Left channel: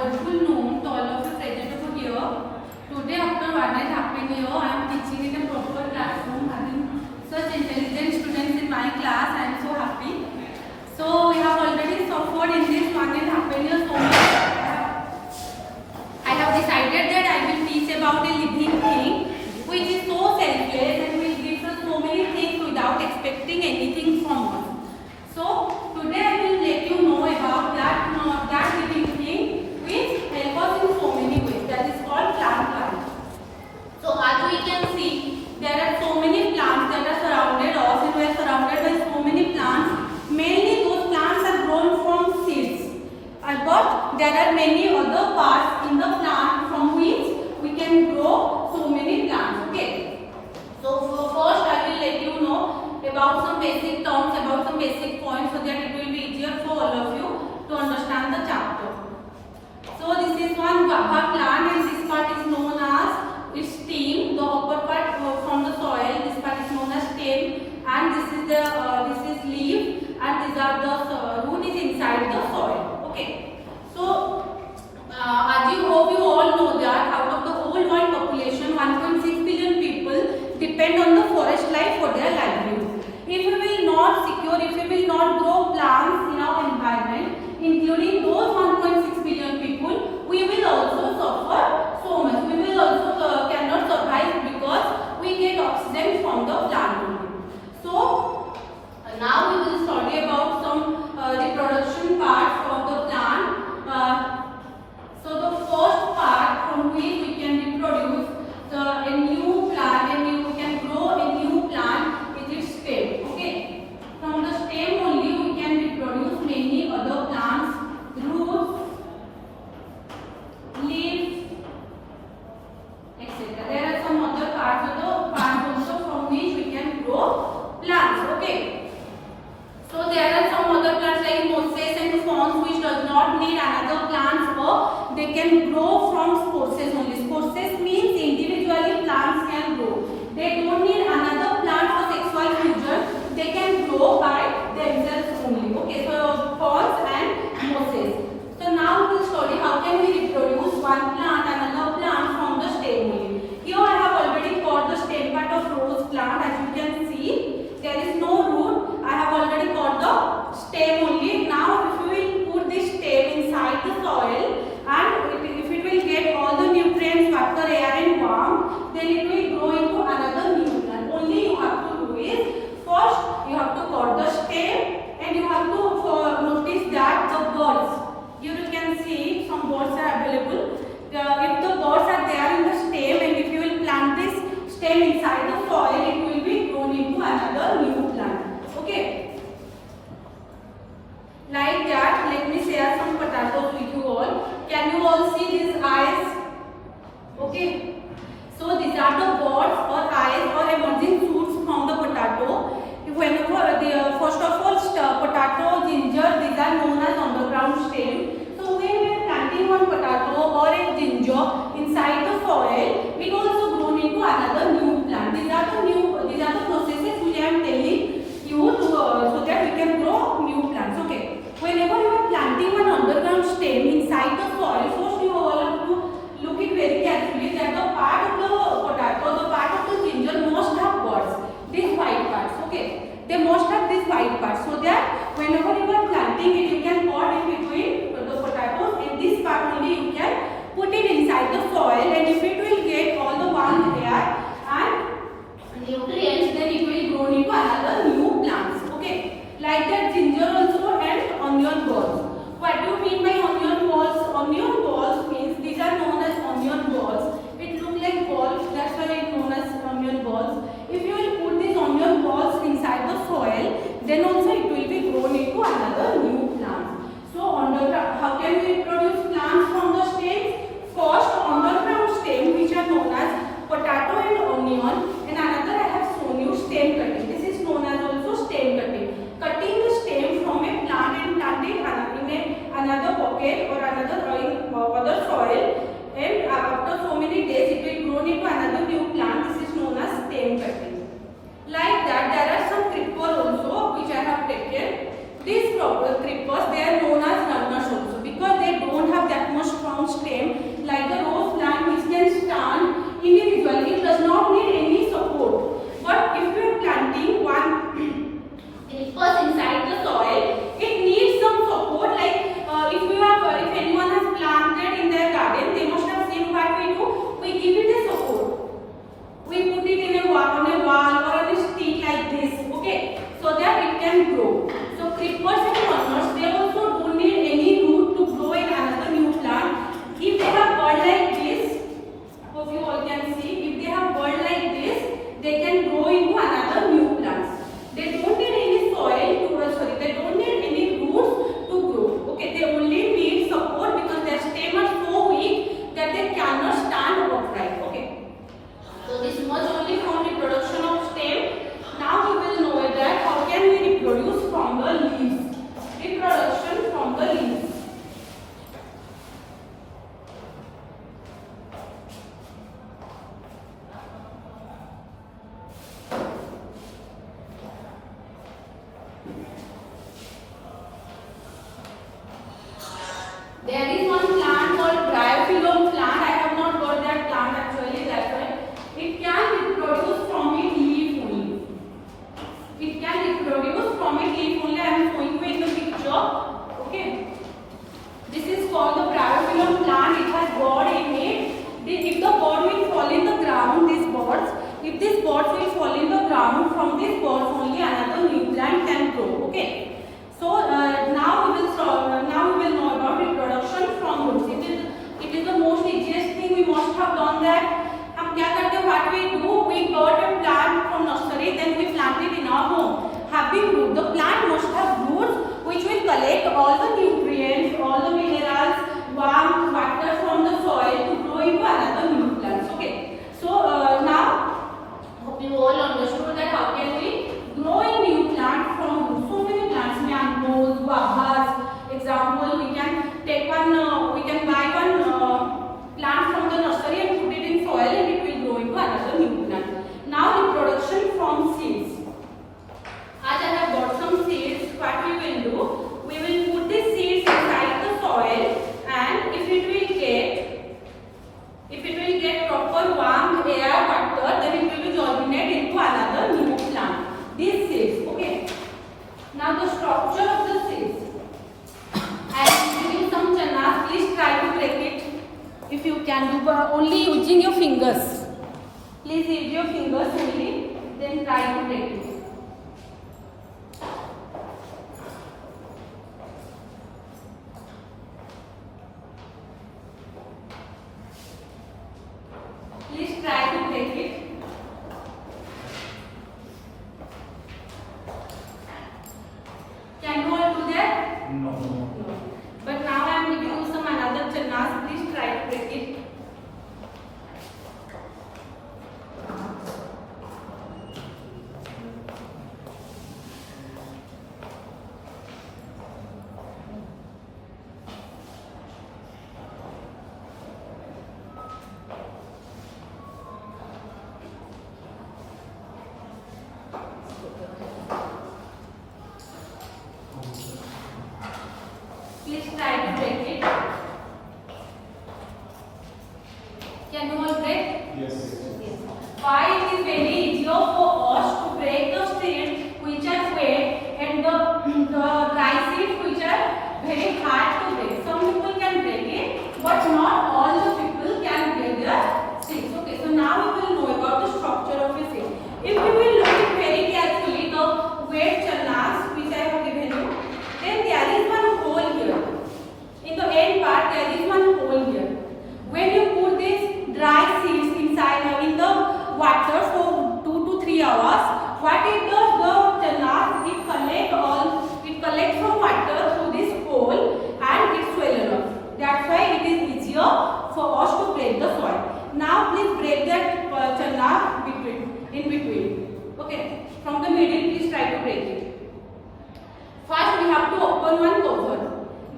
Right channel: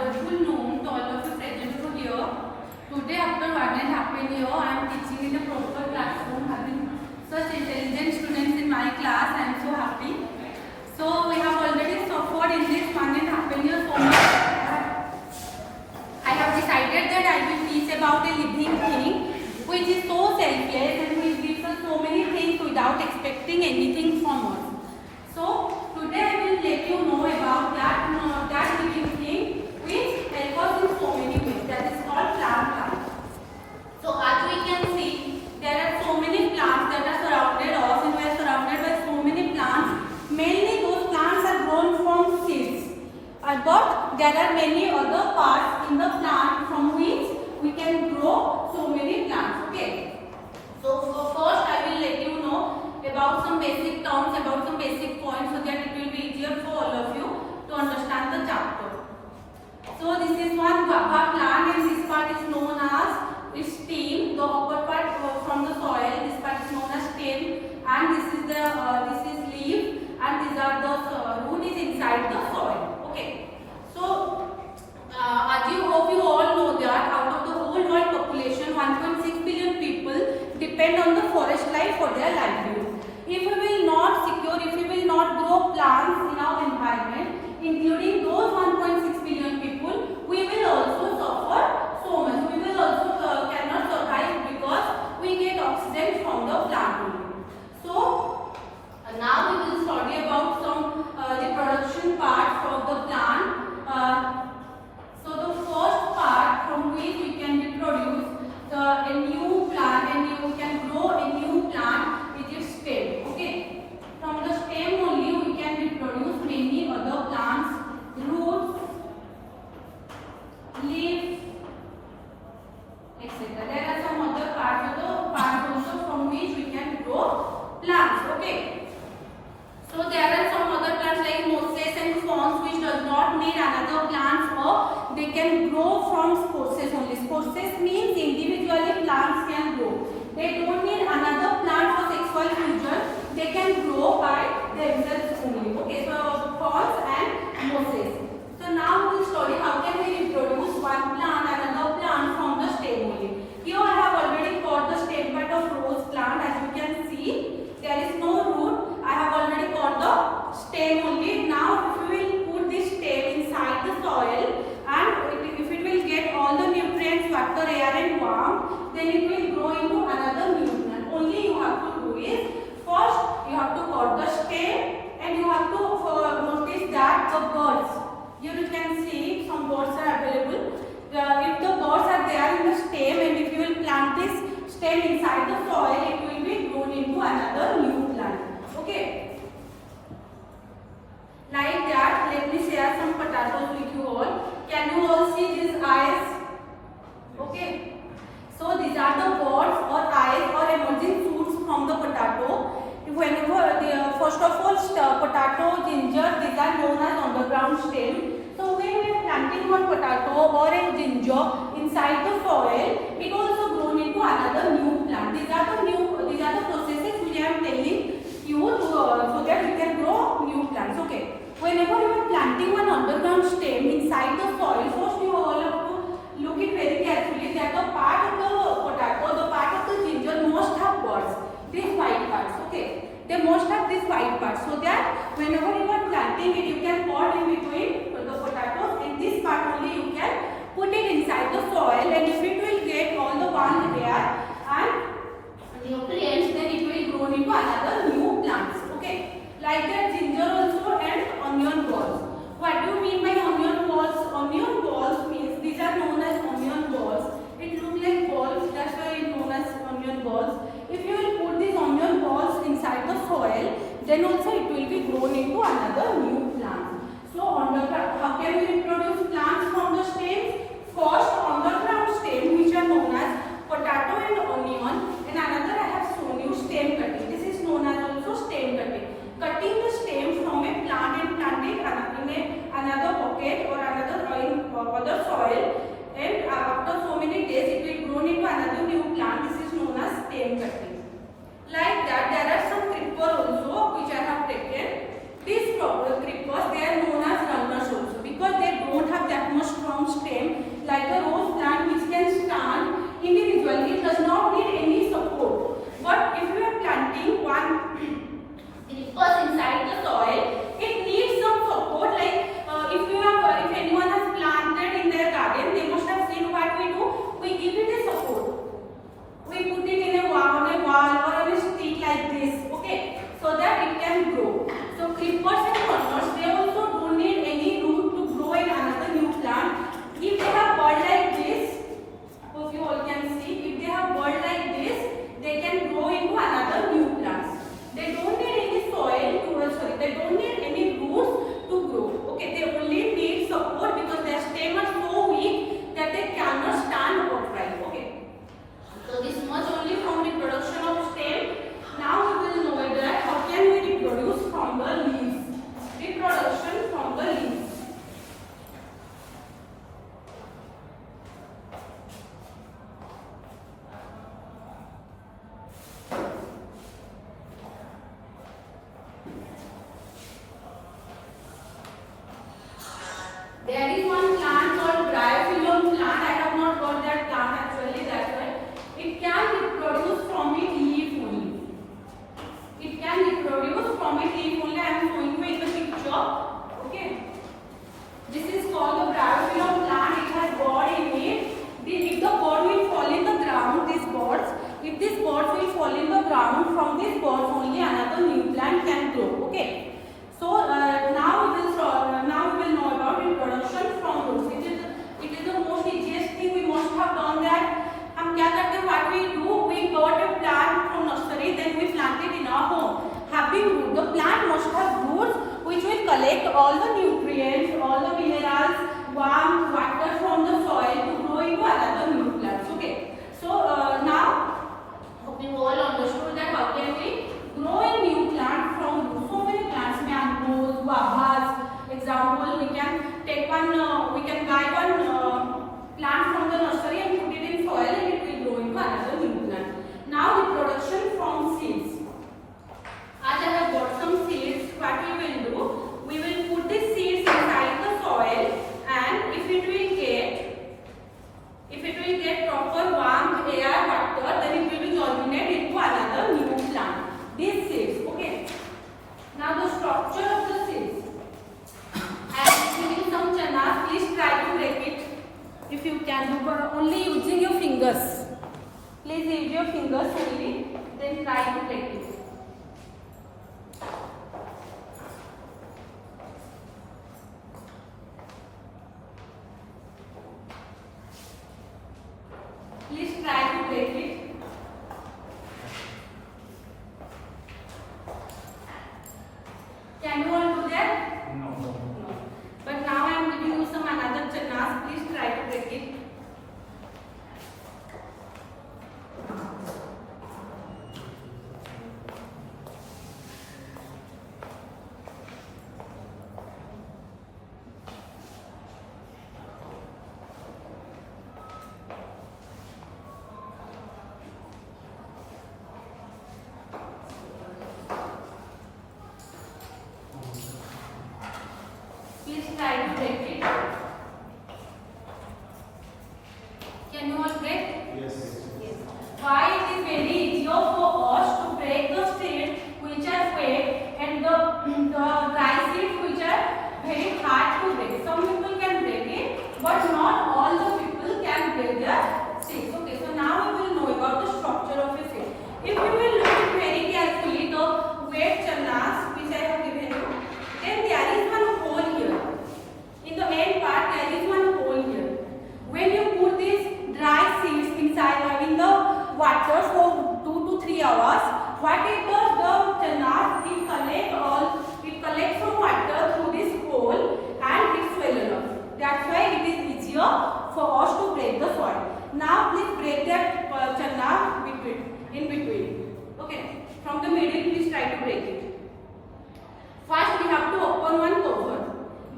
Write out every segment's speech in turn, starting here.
wonderful noon to all of you present over here. Today, after 1.5 years, I am teaching in a proper classroom, having such intelligent students in my class. I am so happy. So we have already suffered in this 1.5 years so much. I have decided that I will teach about a living thing which is so selfless and which gives us so many things without expecting anything from us. So today I will let you know about that living thing which helps us in so many ways. That is called plant life. So as we can see, there are so many plants that are surrounded us, and we are surrounded by so many plants. Mainly those plants are grown from seeds. But there are many other parts in the plant from which we can grow so many plants. Okay. So first I will let you know about some basic terms, about some basic points, so that it will be easier for all of you to understand the chapter. So this is one guava plant, and this part is known as its stem. The upper part from the soil, this part is known as stem, and this is leaf, and these are the root is inside the soil. Okay. So as you hope you all know that out of the whole world population, 1.6 billion people depend on the forest life for their livelihood. If we will not secure, if we will not grow plants in our environment, including those 1.6 billion people, we will also suffer so much. We will also cannot survive because we get oxygen from the plant only. So now we will study about some reproduction parts of the plant. So the first part from which we can reproduce a new plant, and we can grow a new plant with its stem. Okay. From the stem only we can reproduce many other plants, roots, leaves, etc. There are some other parts of the plant also from which we can grow plants. Okay. So there are some other plants like mosses and ferns which does not need another plants, or they can grow from spores only. Spores means individually plants can grow. They don't need another plant for sexual fusion. They can grow by themselves only. Okay, so ferns and mosses. So now we will study how can we reproduce one plant, another plant from the stem only. Here I have already got the stem part of rose plant. As you can see, there is no root. I have already got the stem only. Now if we will put this stem inside the soil, and if it will get all the nutrients, water, air and warmth, then it will grow into another new plant. Only you have to do is, first you have to cut the stem, and you have to notice that the birds, here you can see some birds are available. If the birds are there in the stem, and if you will plant this stem inside the soil, it will be grown into another new plant. Okay. Like that, let me share some potatoes with you all. Can you all see these eyes? Okay. So these are the birds or eyes or emerging shoots from the potato. Whenever first of all, potato, ginger, these are known as underground stem. So when we are planting one potato or a ginger inside the soil, it also grown into another new plant. These are the processes which I am telling you to, so that we can grow new plants. Okay. Whenever you are planting one underground stem inside the soil, first you all have to look it very carefully that the part of the potato, the part of the ginger must have buds, these white parts. Okay, they must have these white parts, so that whenever you are planting it, you can pot in between the potatoes, and this part only you can put it inside the soil, and if it will get all the warm air and nutrients, then it will grow into another new plants. Okay. Like that ginger also and onion balls. What do you mean by onion balls? Onion balls means these are known as onion balls. It looks like balls, that's why it is known as onion balls. If you will put these onion balls inside the soil, then also it will be grown into another new plant. So how can we produce plants from the stems? First, underground stem which are known as potato and onion, and another I have shown you stem cutting. This is known as also stem cutting. Cutting the stem from a plant and planting in another pocket or other soil, and after so many days it will grow into another new plant. This is known as stem cutting. Like that, there are some creepers also which I have taken. These creepers, they are known as runners also, because they don't have that much strong strong stem like the rose plant which can stand individually. It does not need any support. But if you are planting one creepers inside the soil, it needs some support. Like if anyone has planted in their garden, they must have seen what we do. We give it a support. We put it in a wall or on a stick like this, okay, so that it can grow. So creepers and corners, they also don't need any root to grow in another new plant. If they have bud like this, hope you all can see, if they have bud like this, they can grow into another new plants. They don't need any soil to, they don't need any roots to grow. Okay, they only need support because their stem are so weak that they cannot stand upright. Okay. So this much only from reproduction of stem. Now we will know that how can we reproduce from the leaves. Reproduction from the leaves. There is one plant called Bryophyllum plant. I have not got that plant actually, that's why. It can reproduce from its leaf only. It can reproduce from its leaf only. I am showing you in the picture. Okay. This is called the Bryophyllum plant. It has bud in it. If the bud will fall in the ground, these buds, if this bud will fall in the ground, from this buds only another new plant can grow. Okay. So now we will know about reproduction from roots. It is the most easiest thing. We must have done that. हम क्या करते हैं? What we do? We got a plant from nursery, then we plant it in our home. Having root, the plant must have roots which will collect all the nutrients, all the minerals, warmth, water from the soil to grow into another new plants. Okay. So now hope you all understood that how can we grow a new plant from roots. So many plants, mangoes, guavas. Example, we can take one. We can buy one plant from the nursery and put it in soil, and it will grow into another new plant. Now reproduction from seeds. As I have got some seeds, what we will do? We will put these seeds inside the soil, and if it will get proper warmth, air, water, then it will germinate into another new plant. These seeds, okay. Now the structure of the seeds. I am giving some channas. Please try to break it. If you can do, but only using your fingers. Please use your fingers only. Then try to break it. Please try to break it. Can you all do that? No. But now I am giving you some another channas. Please try to break it. Please try to break it. Can you all break? Yes. Yes. Why it is very easier for us to break the seeds which are wet and the dry seeds which are very hard to break. Some people can break it, but not all the people can break the seeds. Okay, so now we will know about the structure of a seed. If we will look at very carefully the wet channas which I have given you, then there is one hole here. In the end part, there is one hole here. When you put these dry seeds inside in the water for 2 to 3 hours, what it does, the channas, it collects some water through this hole and it swells up. That's why it is easier for us to break the soil. Now please break that channa in between. Okay, from the middle, please try to break it. First, we have to open one cover.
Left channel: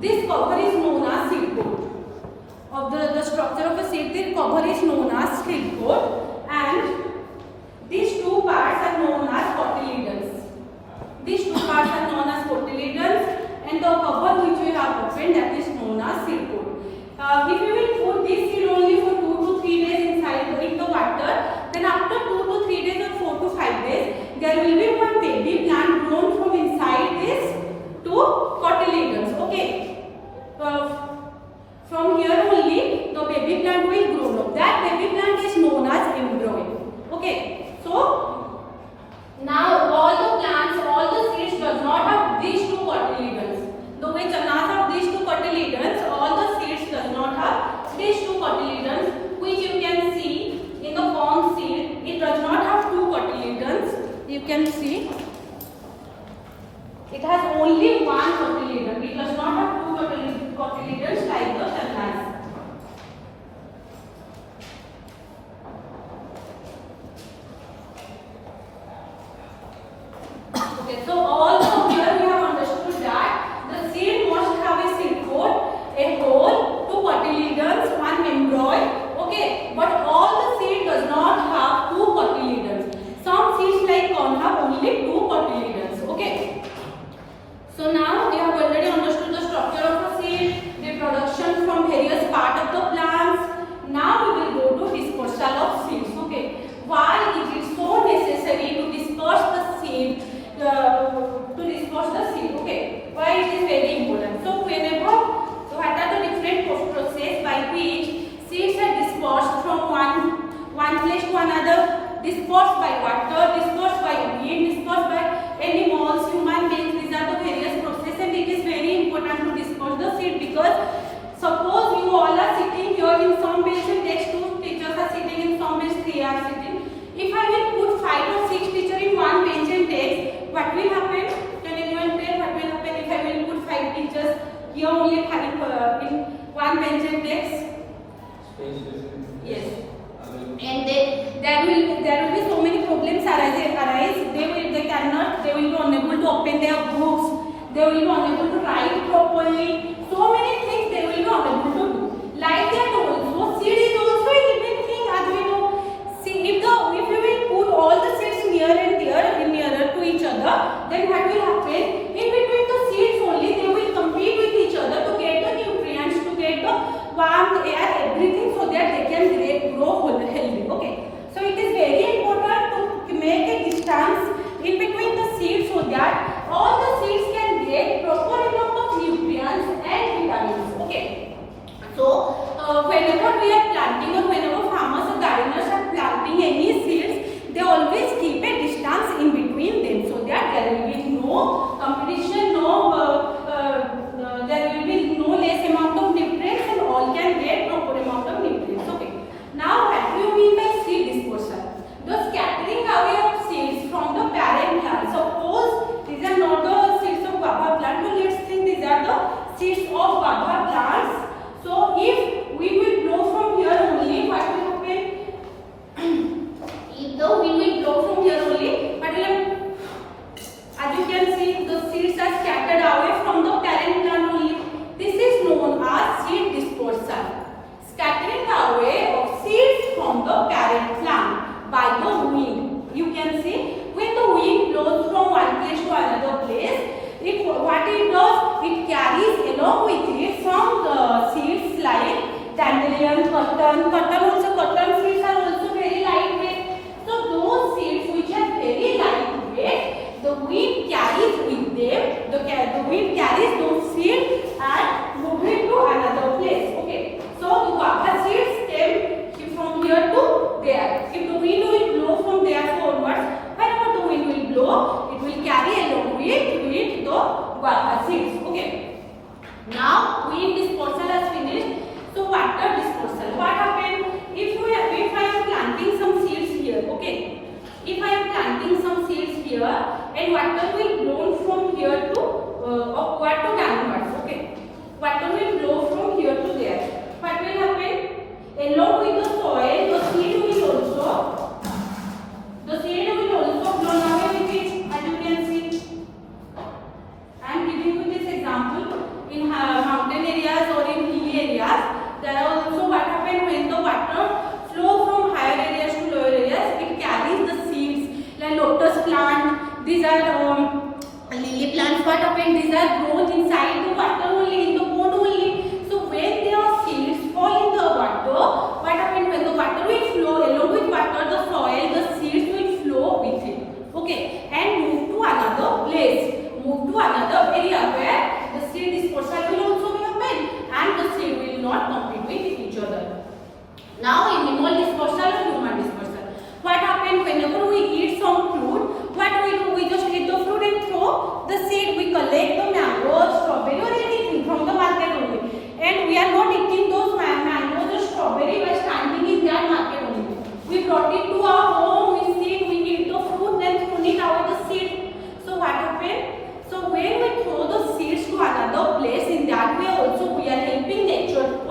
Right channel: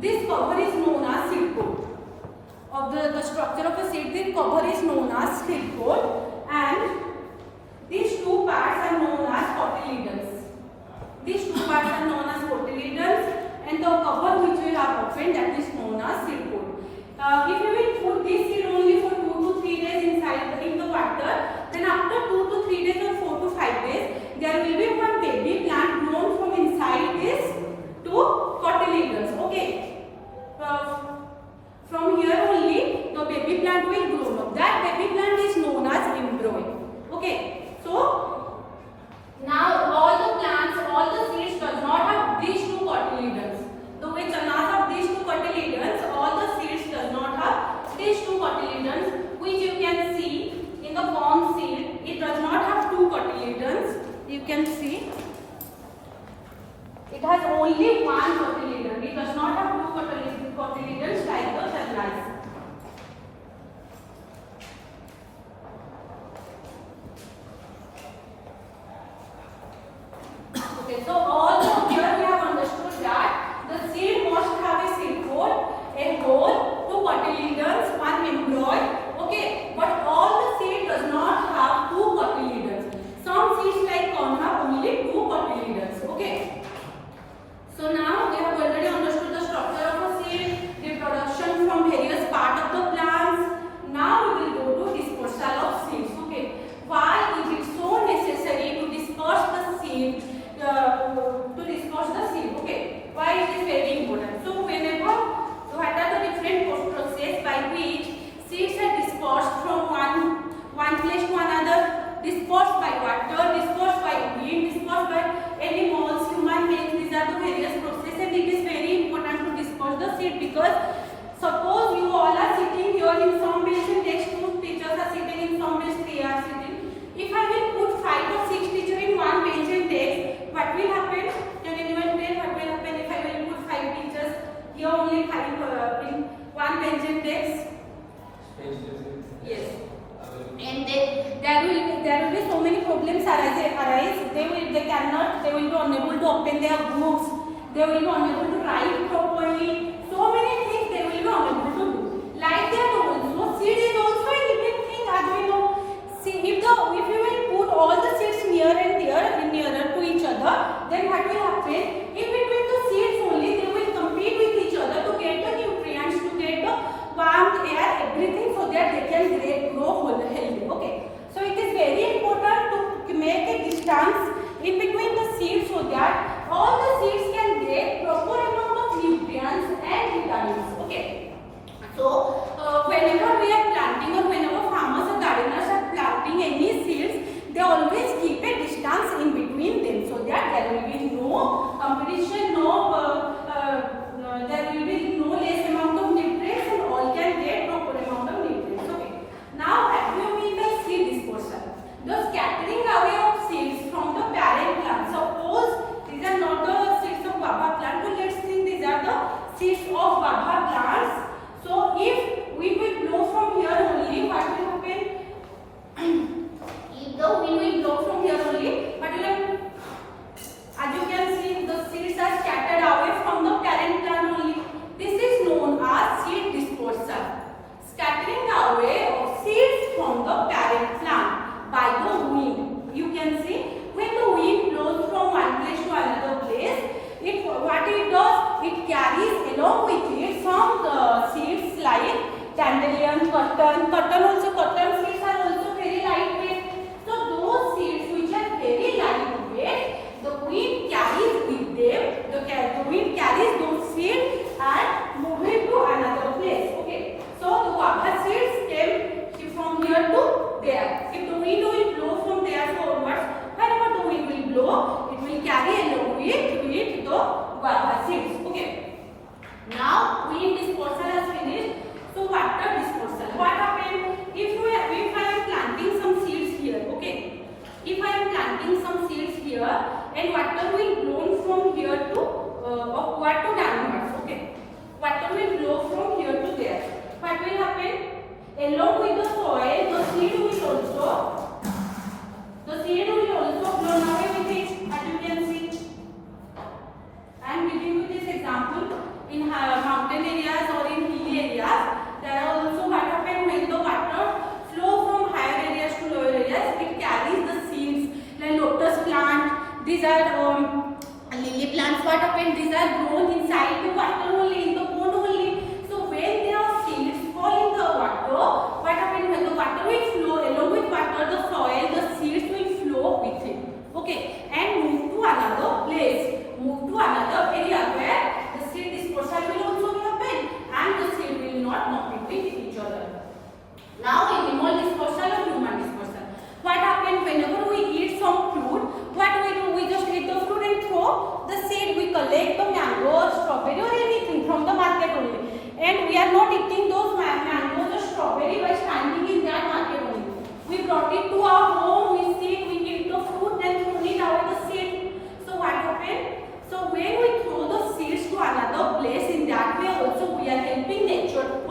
This cover is known as seed coat. Of the structure of a seed, this cover is known as seed coat, and these two parts are known as cotyledons. These two parts are known as cotyledons, and the cover which we have opened, that is known as seed coat. If we From here only the baby plant will grow up. That baby plant is known as embryo. Okay. So now all the plants, all the seeds does not have these two cotyledons. The which does not have these two cotyledons, all the seeds does not have these two cotyledons, which you can see in the corn seed. It does not have two cotyledons. You can see it has only one cotyledon. It does not have two cotyledons like the fertilizer. Okay, so also here we have understood that the seed must have a seed coat, a hole, two cotyledons, one embryo. Okay, but all the seed does not have two cotyledons. Some seeds like corn have only two cotyledons. Okay. So now we have already understood the structure of a seed, reproduction from various parts of the plants. Now we will go to dispersal of seeds. Okay. Why it is so necessary to disperse the seed? Okay. Why it is very important? So whenever, what are the different processes by which seeds are dispersed from one place to another? Dispersed by water, dispersed by wind, dispersed by animals, human beings. These are the various processes, and it is very important to disperse the seed, because suppose you all are sitting here in some bench and next two teachers are sitting in some bench, three are sitting. If I will put 5 or 6 teachers in one bench and desk, what will happen? Can anyone tell what will happen if I will put 5 teachers here only 5 in one bench and desk? Yes. And there will be so many problems arise. They will be unable to open their books. They will be unable to write properly. So many things they will be unable to do. Like that also, seed is also a living thing, as we know. See, if we will put all the seeds nearer to each other, then what will happen? In between the seeds only, they will compete with each other to get the nutrients, to get the warm air, everything, so that they can grow healthy. Okay. So it is very important to make a distance in between the seeds, so that all the seeds can get proper amount of nutrients and vitamins. Okay. So whenever we are planting, or whenever farmers or gardeners are planting any seeds, they always keep a distance in between them, so that there will be no competition, there will be no less amount of nutrients, and all can get proper amount of nutrients. Okay. Now what do you mean by seed dispersal? The scattering away of seeds from the parent plant. Suppose these are not the seeds of guava plant, but let's think these are the seeds of guava plants. So if we will blow from here only, what will happen? If the wind will blow from here only, what will happen? As you can see, the seeds are scattered away from the parent plant only. This is known as seed dispersal. Scattering away of seeds from the parent plant by the wind. You can see, when the wind blows from one place to another place, what it does, it carries along with it some seeds like dandelion, cotton seeds are also very lightweight. So those seeds which are very lightweight, the wind carries with them, the wind carries those seeds and move it to another place. Okay. So the guava seeds came from here to there. If the wind will blow from there forward, wherever the wind will blow, it will carry along with the guava seeds. Okay. Now wind dispersal has finished. So water dispersal. What happened if I am planting some seeds here? Okay. If I am planting some seeds here, and water will blow from here to upward to downwards. Okay. Water will blow from here to there. What will happen? Along with the soil, the seed will also blown away with it, as you can see. I am giving you this example. In mountain areas or in hilly areas, there are also what happens when the water flows from higher areas to lower areas, it carries the seeds like lotus plant. These are lily plants. What happens? These are grown inside the water only, in the pond only. So when their seeds fall in the water, what happens? When the water will flow along with water, the soil, the seeds will flow with it. Okay, and move to another place, move to another area where the seed dispersal will also be happen, and the seed will not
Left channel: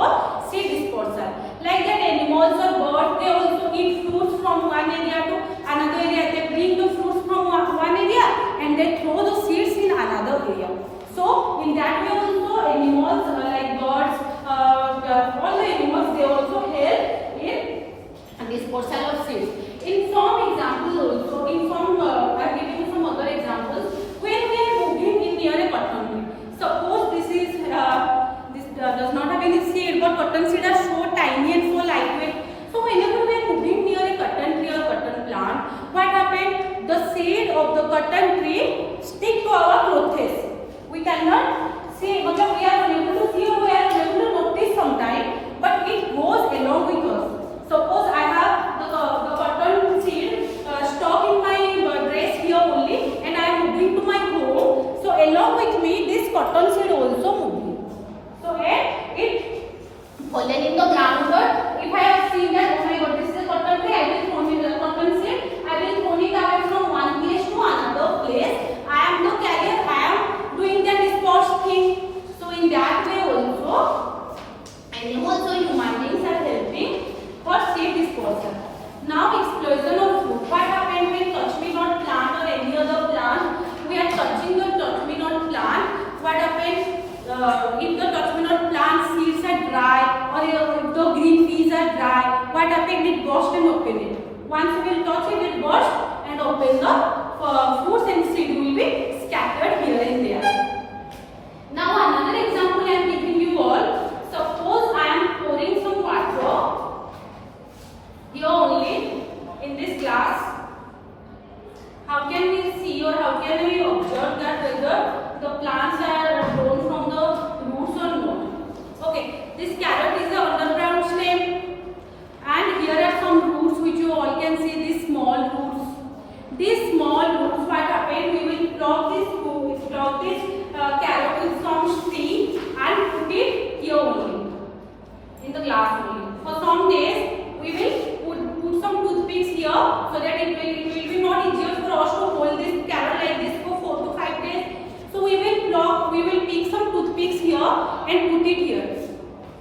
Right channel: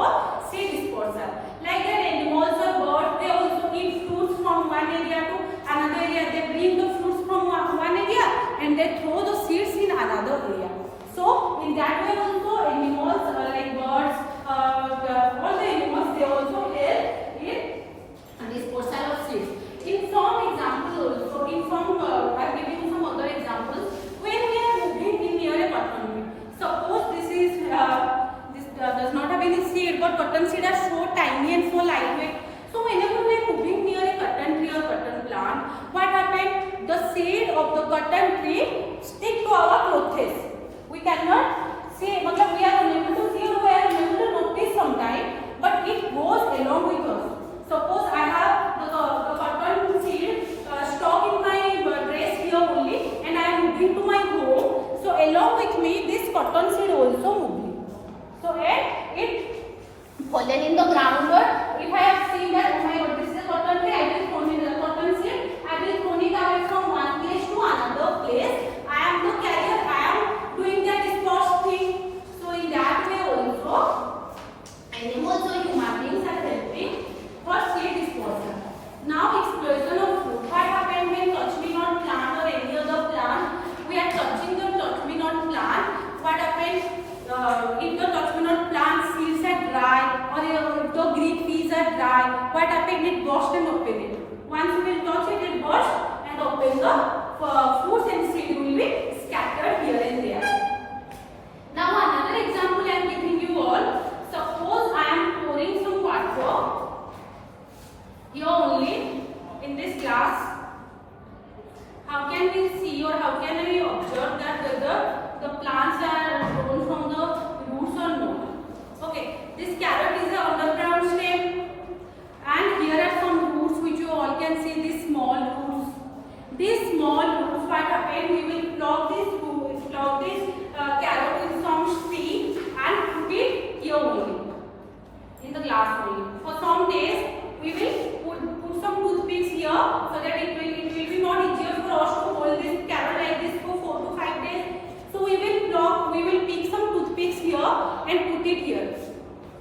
for seed dispersal. Like that, animals or birds, they also eat fruits from one area to another area. They bring the fruits from one area and they throw the seeds in another area. So in that way also animals like birds, all the animals, they also help in dispersal of seeds. In some examples also, I will give you some other examples. When we are moving in near a cotton tree, suppose this is does not have any seed, but cotton seed are so tiny and so lightweight. So whenever we are moving near a cotton tree or cotton plant, what happened? The seed of the cotton tree stick to our clothes. We cannot see, we are unable to see or we are unable to notice sometime, but it goes along with us. Suppose I have the cotton seed stuck in my dress here only, and I am moving to my home. So along with me, this cotton seed also moving. So it fallen in the ground. If I have seen that, oh my God, this is a cotton tree, I will throw in the cotton seed. I will throw it away from one place to another place. I am the carrier. I am doing that dispersed thing. So in that way also, animals or human beings are helping for seed dispersal. Now explosion of fruit. What happens when touch-me-not plant or any other plant? We are touching the touch-me-not plant. What happens if the touch-me-not plant seeds are dry or if the green peas are dry? What happens? It bursts and open it. Once you will touch it, it bursts and open the fruits and seed will be scattered here and there. Now another example I am giving you all. Suppose I am pouring some water here only in this glass. How can we see or how can we observe that whether the plants are grown from the roots or not? Okay, this carrot is the underground stem, and here are some roots which you all can see, these small roots. These small roots, what happen? We will plug this carrot with some seed and put it here only in the glass only. For some days, we will put some toothpicks here so that it will be not easier for us to hold this carrot like this for 4 to 5 days. So we will pick some toothpicks here and put it here,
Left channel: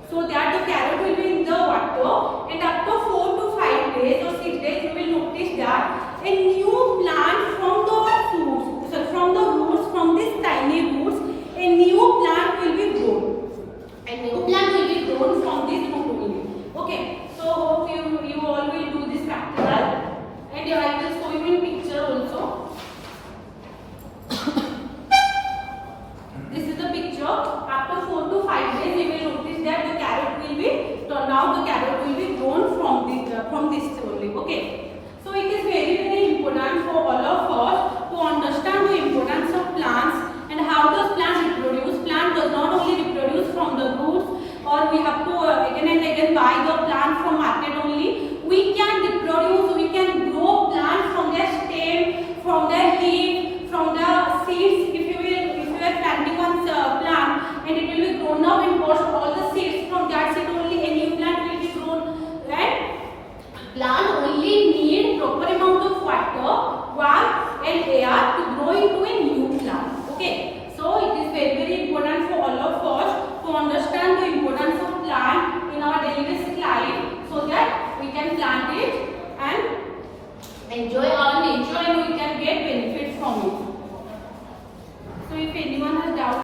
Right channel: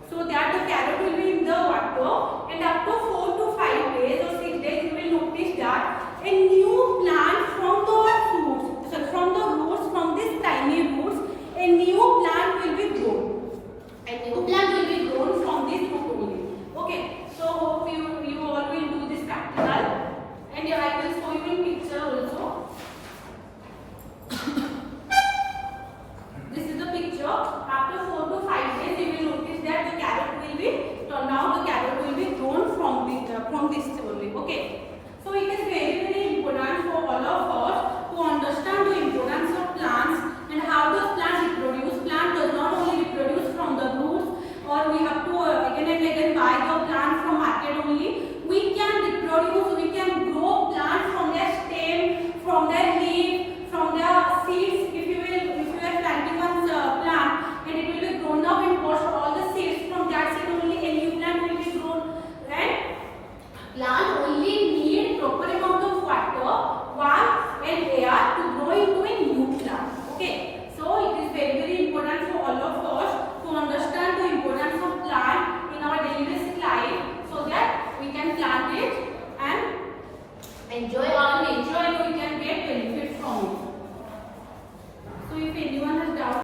so that the carrot will be in the water, and after 4 to 5 days or 6 days, you will notice that a new plant from the roots, from these tiny roots, a new plant will be grown. A new plant will be grown from this root only. Okay, so hope you all will do this practical, and I will show you in picture also. This is the picture. After 4 to 5 days, you will notice that the carrot will be turned out. The carrot will be grown from this only. Okay. So it is very important for all of us to understand the importance of plants and how does plant reproduce. Plant does not only reproduce from the roots, or we have to again and again buy the plant from market only. We can reproduce. We can grow plants from their stem, from their leaf.